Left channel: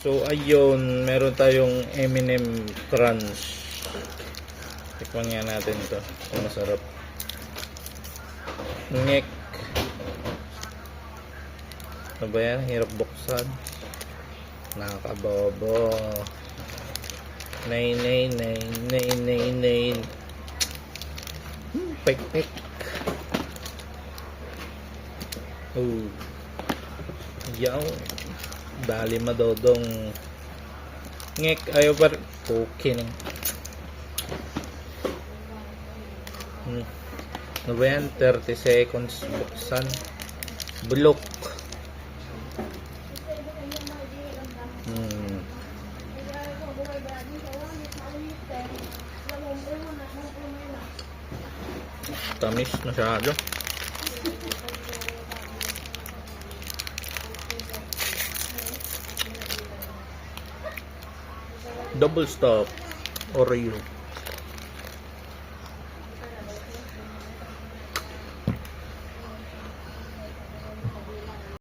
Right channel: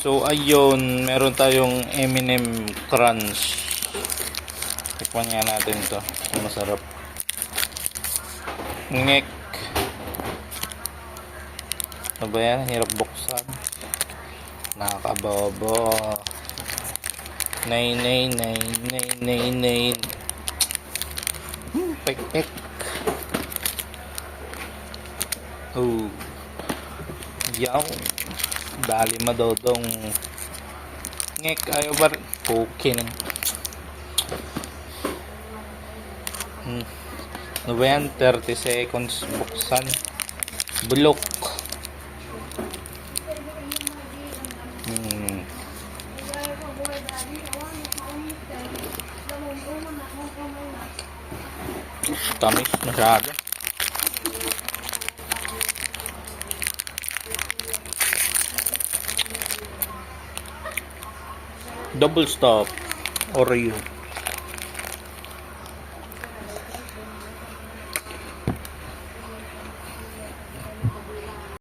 So ayun, meron tayong M&M Crunch. Tikman nga natin to. Masarap. Ngek. Ano ba yan? Hirap buksan. Nakakabobo. Nay. Pek. Oh. Yaw. Dali madodong. Ngek. Ayaw ba rin? Okay na. Ano ba yan? 30 seconds buksan. Bulok. Tamis masyado. Double stop Oreo.